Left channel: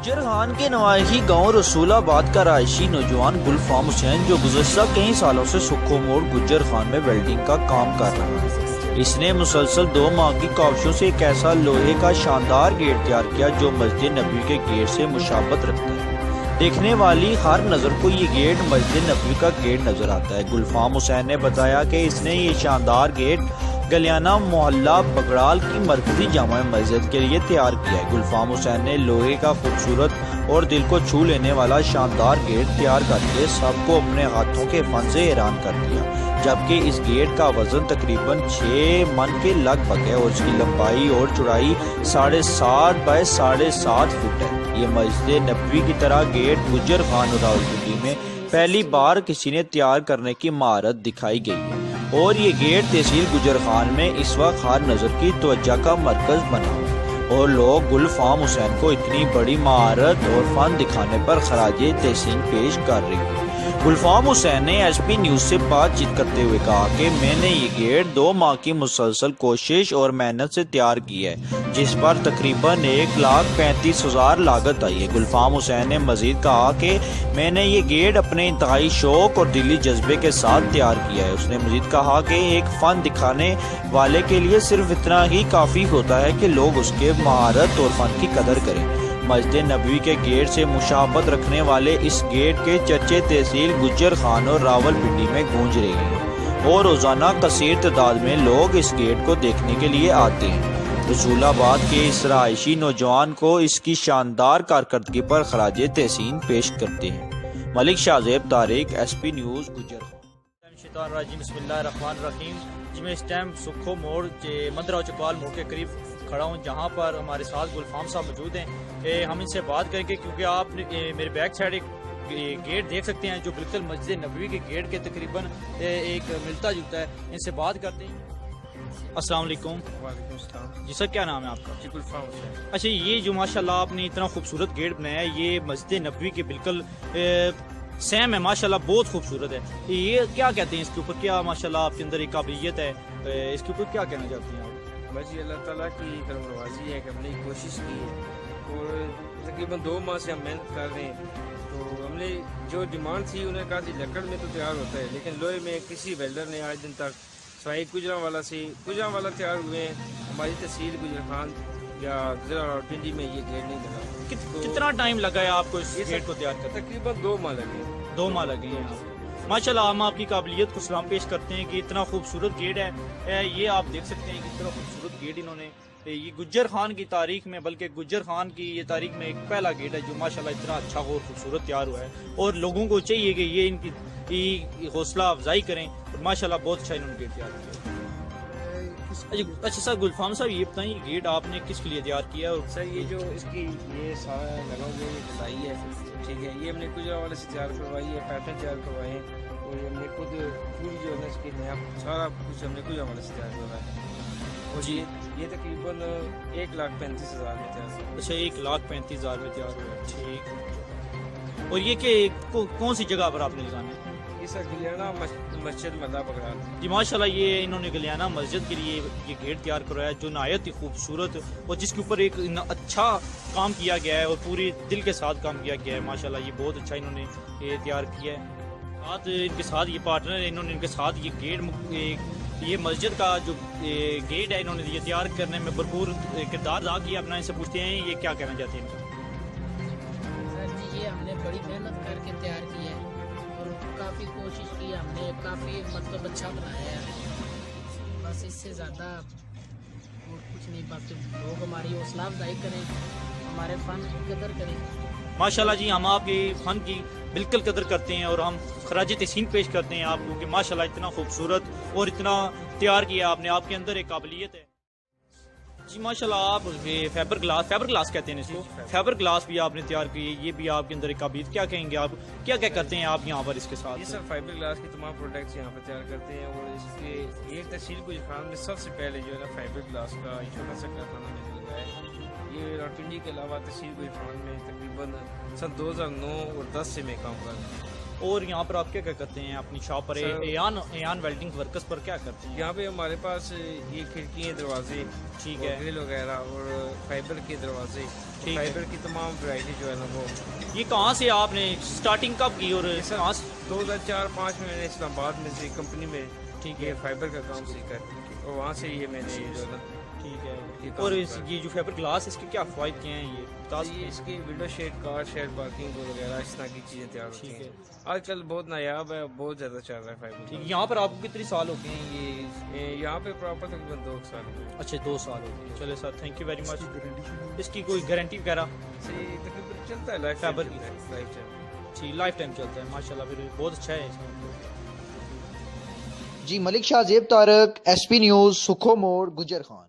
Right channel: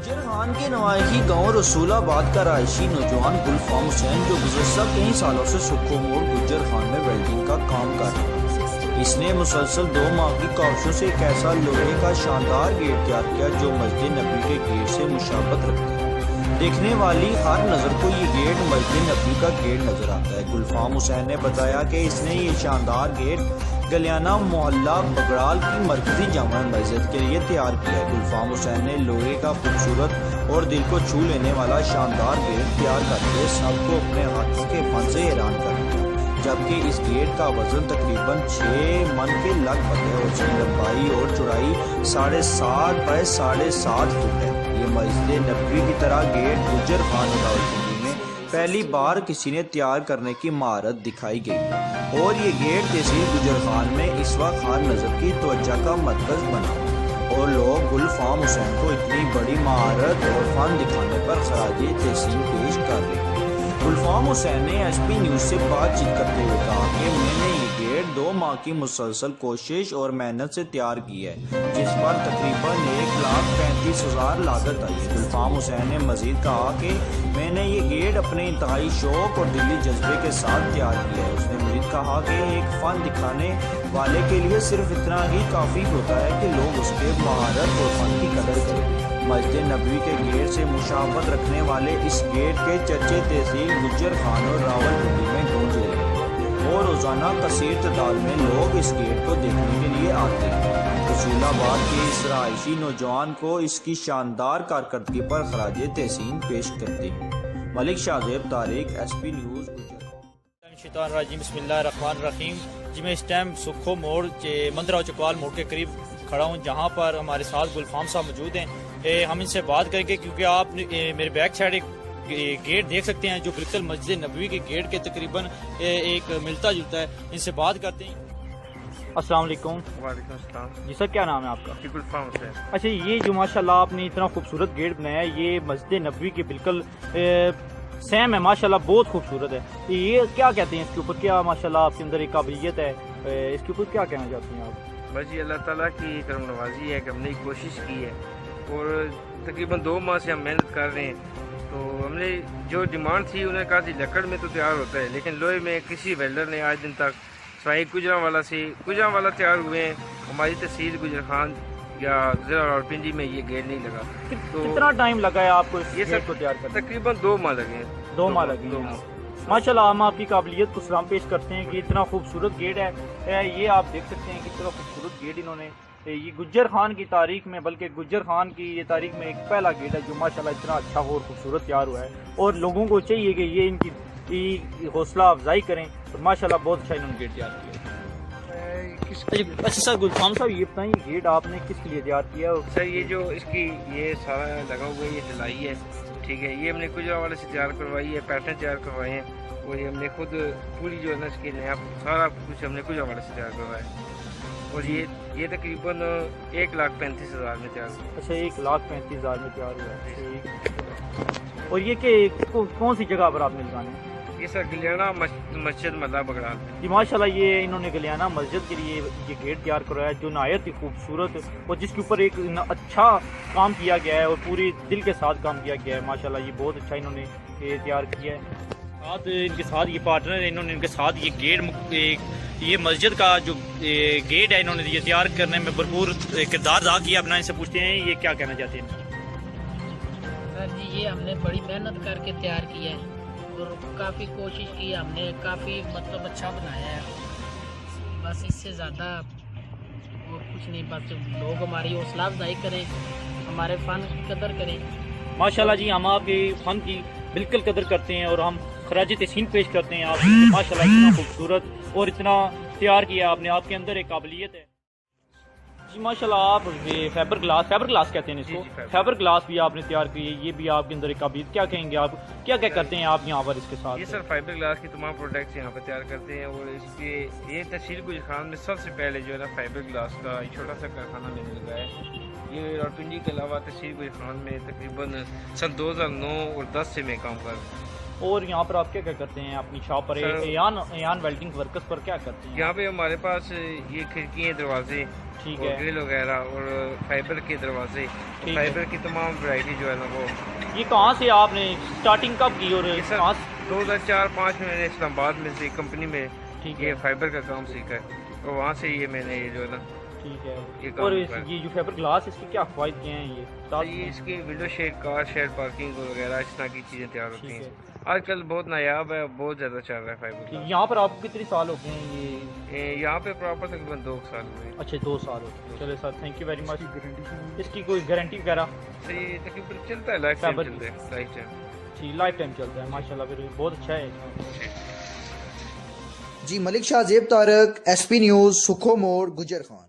गुज्जर खान के नवाही गांव रसूलाबाद का रहायशी नौजवान गुलफाम हुसैन जो गुज़श्ता कई सालों से सुक्खो मोड़ गुज्जर खान में वेल्डिंग का काम कर रहा है। इसने मुसलसल 2 माह की काविशों से एक ऐसा लोहे का शानदार गेट तैयार किया जो मस्जिद नबी के गेट से मुशाबत रखता है। देखने वाली हर नज़र को ये गेट मस्जिद नबी का गेट नजर आता है। गुलफाम हुसैन ने बताया कि इसने ये शानदार गेट गलियाना मोहल्ला बगड़ाल की मरकजी जामा मस्जिद के लिए तैयार किया है। गुलफाम हुसैन ने लोहे का खूबसूरत और दिल को छू लेने वाला शानदार गेट तैयार करके सबको अपने हाथों के फन से हैरान कर दिया, जबकि इस गेट का वजन तकरीबन 6 मन के लगभग है और उसकी लंबाई और चौड़ाई 7.5 बाय 7.5 फुट है। ये मस्जिद नबवी की तरह गेट गुज्जर खान रावलपिंडी में पहली बार किसी ने तैयार करने की महारत दिखाई गई है और ये गेट तहसील गुज्जर खान में इस वक्त हर नज़र की तवज्जो का मरकज बना है और लोग गुलफाम हुसैन को इतनी बड़ी महारत और फन दिखाने पर खराजे तहसीन पेश कर रहे हैं। गुलफाम हुसैन ने एसपी न्यूज़ से बातचीत करते हुए कहा कि मैंने ये गेट 2 माह की मुसलसल कोशिश और मेहनत से तैयार की है, जिस पर तकरीबन 1,35,000 लागत आई है। गुलफाम हुसैन ने मजीद कहा कि मैंने ये गेट अपने इंतहाई शौक और दिली जज्बे के साथ तैयार किया है। उसने मजीद कहा कि एक फ़न दिखाने वाले के लिए सिर्फ इतना ही काफ़ी होता है कि लोग उसके महारत और फ़न की कदर करें। मस्जिद नबवी के गेट से मुशाबत रखने वाले इस गेट के चर्चे तहसील गुज्जर खान और रावलपिंडी में गूंज रहे हैं और रोज़ाना कसीर तादाद में लोग इस गेट को देखने के लिए आते हैं। रसूलाबाद के इस रहायशी नौजवान को इसकी शानदार कारकर्दगी पर खराजे तहसीन पेश करते हैं। Malik Shahzeb Tariq, SP news Gujjar. बिस्मिल्लाहिर्रहमानिर्रहीम जी, मैं इस टाइम सुक्खो मोड़ मंदरा चकवाल मोड़ के करीब खड़ा हूँ, जहाँ पर हमारे साथ गुलफाम साहब मौजूद हैं। हम इनसे बात करेंगे क्योंकि आप मेरे बैक साइड एक गेट देख सकते हैं जो बिल्कुल मस्जिद नबवी के गेट के तकरीबन एक मिलता जुलता है। इनसे बात करते हैं। अस्सलाम वालेकुम। वालेकुम अस्सलाम। जी सर, क्या नाम है आपका? जी, गुलफाम हुसैन। अच्छा, ये जो माशाल्लाह आपने इतना खूबसूरत गेट बनाया है, ये मस्जिद नबवी के बिल्कुल सेम है, माशाल्लाह बहुत खूबसूरत है। ये क्या कहते हैं इसके ऊपर, क्या माशाल्लाह आपके अंदर एक काबिलियत है, इसके ऊपर क्या कहना चाहते हैं आप? बस ये अल्लाह ताला की करम नवाजी है कि हमने कोशिश की है और तकरीबन 2 माह से हम मेहनत कर रहे हैं। तो हमने जो डिमांड थी उन्हें कहा थी लकड़ में तो तैयार होता है, लेकिन लोहे में किसी वेल्डर ने आज दिन तक सवाई गुजरांवाला तैयार हुए हैं। हमारी तहसील गुजर खान या ज़िला रावलपिंडी में ये गेट नहीं लगा। तो कितना टाइम लगा है आपको इस ये गेट को तैयार करने? तकरीबन 2 माह लगे। 2 माह लगे हैं। माशाल्लाह, हम आपकी काबिलियत को सलाम पेश करते हैं कि इतना खूबसूरत गेट है। ये आप देख सकते हैं कि इतना खूबसूरत गेट इन्होंने ये गुज्जर खान की तारीख में, बल्कि गुज्जर खान की ये तारीख में एक पहला गेट है जो माशाल्लाह इतना अच्छा और खूबसूरत तैयार हुआ है और लोगों को चाहिए कि ये इनकी हौसला अफजाई करें और माशाल्लाह बहुत अच्छा इन्होंने गेट तैयार किया। अच्छा सर, गुलफाम साहब ये बताएं, ये गेट आपने किसके लिए तैयार किया? और सर ये जो इसकी ये सारा लगा हुआ है, ये ढलाई है, ठीक है, ये हमने गुजरांवाला से तैयार करवाई है, पैटर्न तैयार करवाए हैं और ये हमने खुद पूरी जो है ना इसकी सारा कुछ हमने गुजरांवाला से तैयार करवाया है और ये तकरीबन 1,35,000 में तैयार हुआ। अच्छा, 1,35,000 में तैयार हुआ। और ये कौन सी जगह पर आपने लगाना है? ये सर गलियाना मस्जिद मल्ला बगड़ा जी माशाल्लाह, ये इन्होंने गलियाना मस्जिद के लिए ये गेट तैयार करवाया जो नहायत ही खूबसूरत और जिसके ऊपर एक अच्छा काम किया गया है और पूरे दिल के साथ काम किया गया है। माशाल्लाह, ये बहुत अच्छा इन्होंने ये तैयार किया है। साथ इनके साथ ये पार्टनर है, इन्होंने इनके साथ ये गेट ये मस्जिद का जो गेट है इन्होंने ये तैयार करने में भरपूर किरदार अदा किया। अपना इनसे पूछते हैं ये क्या कहना चाहते हैं। सर जी, ये हमने बड़ी मेहनत करके तैयार किया है और काफ़ी कोशिश की हमने, काफ़ी मतलब अच्छा बनाया है। बस इससे ज़्यादा और कुछ नहीं, बस लोग हमारी हौसला अफजाई करें, हमारे फ़न की कदर करें। माशाल्लाह जी, हम आपके फ़न की बिल्कुल कदर करते हैं और हम खराज तहसीन पेश करते हैं। आप माशाल्लाह इतना खूबसूरत और इतना तैयार किया आपने, आपके अंदर एक काबिलियत है जी माशाल्लाह। आप फाइबर ग्लास कहते हैं इसको, फाइबर ग्लास भी आपने तैयार की है, ये भी आपके अंदर एक काबिलियत। क्या कहेंगे आप, क्या क्या करते हैं आप यहाँ पर इसके साथ? ये सर फाइबर ग्लास के तमाम प्रोडक्ट्स यहाँ पर तैयार करते हैं और इसके ये तहसील गुजर खान में सबसे पहले जो है ना फाइबर ग्लास का छोटा सा कारखाना मैंने लगाया है। ये रावलपिंडी के अलावा तहसील गुजर खान में तकरीबन सन 2009 और 10 से मैं काम कर रहा हूँ اور یہاں پر آپ کیا کیا کرتے ہیں اپنی شاپ پر سر، ایان ویلڈنگ ورکرز پر کیا کرتے ہیں؟ یہاں پہ ہمارے پاس یہ کھڑکیاں دروازے ٹھیک اور ہے، گرل وغیرہ اور فائبر کے دروازے، ٹھیک ہے۔ فائبر کی تمام ورائٹی جو ہے نا وہ یہ کہاں سے آپ نے سٹارٹنگ کب کی اور یہ کہاں سے؟ 2004-05 میں میں نے اسلام آباد میں سے کمپنی میں ٹھیک ہے، یہ فائبر کا کام سیکھا ہے، اور وہاں سے یہ میں نے یہ جو ہے نا ٹھیک ہے۔ یہ کام اور ہوتا ہے۔ یہ جو فیبر گلاس اس کے کیا فوائد کیا ہیں یہ بتا سکتے یہ ہیں؟ اس کی ونڈو شیڈ، کار شیڈ، پارکنگ وغیرہ اس طرح کی چیزیں تیار ہوتی ٹھیک ہیں۔ ہے۔ آج کل بہت نایاب ہے، بہت زیادہ چل رہا ہے فائبر ٹھیک، یہاں پر آپ کو کتنے سال ہو گئے ہیں یہ؟ یہاں پہ پراپر تقریباً 2 سال ہوئے اچھا 2 سال ہو گئے، چلے sir thank you very much. اس کی کوئی گارنٹی وغیرہ؟ سے تقریباً چلتا ہے، لائف ٹائم فائبر چلتا ہے، لائف ٹائم۔ جی لائف ٹائم چلتا ہے ماشاء اللہ، پھر بہت اچھا ہے اس میں۔ جی ملک شاہ زیب طارق، ایس پی نیوز، سکھو موڑ، گجر خان۔